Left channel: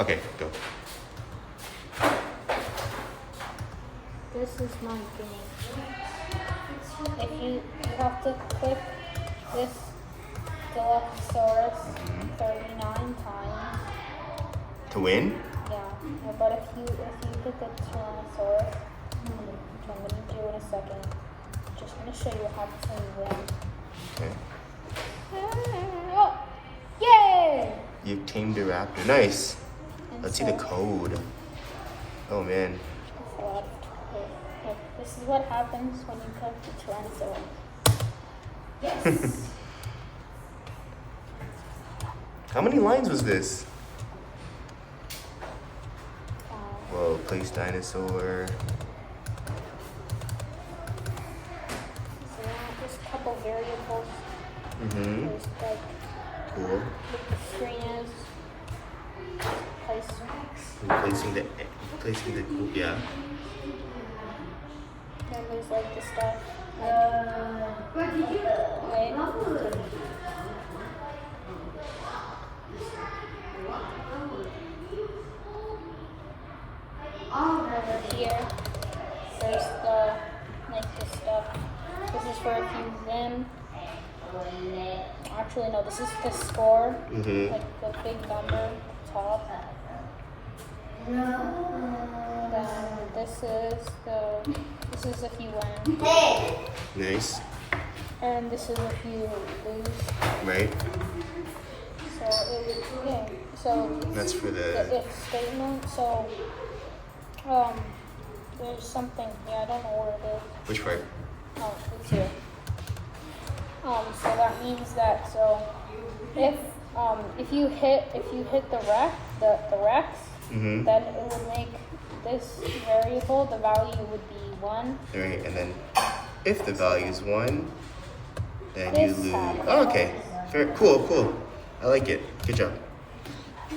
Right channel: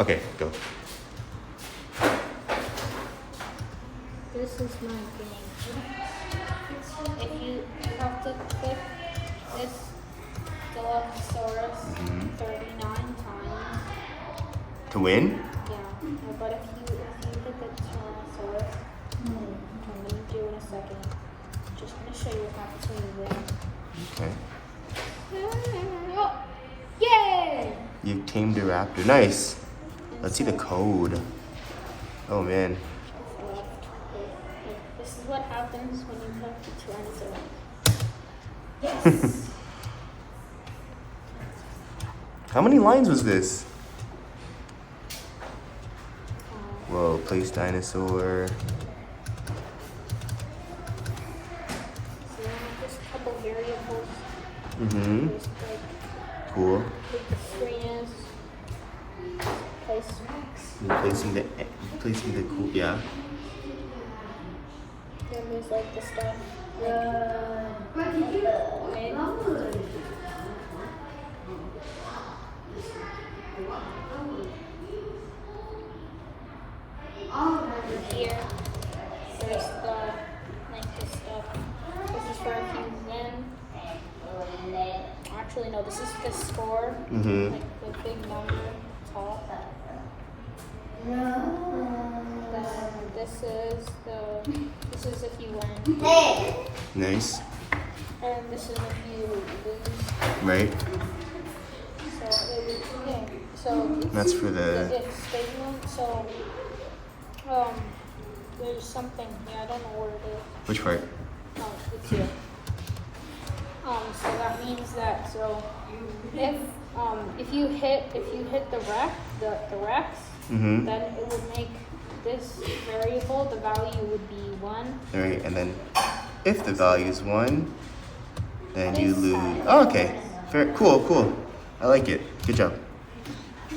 Okay, go. This is my game. If you have to click this Dilophosaurus 39 times. To win? Yeah, but if you get the Tyrannosaurus, I'm gonna do in a second. Just gonna show you how to win. Okay. Oh, yay! You tamed a raptor. Nice. Let's see the code. Oh man. This is what happens when you click the Tyrannosaurus. Yes! How many lines was this? Whoa, place dinosaur. So just a couple variables. Mm-hmm. Just like Cool. strings, Placing the cool, yeah. then there's like the stuff. Okay. Here, there's the like the stuff. This is where it comes in. Actually, no, this is the score. Mm-hmm. Like the big number top. This is if you win. Nice. And this is if you lose. Right? So That's for the. if statement. So there's something. Yeah, I don't know where it is. Which part? Oh, it's here. So that means that if you hit the Rex, Mm-hmm. then it would make this variable, the value would be 1. Alright, and then if the value is 1, then you lose. Oh, okay. Fair. Cool, cool. I like it. Good job.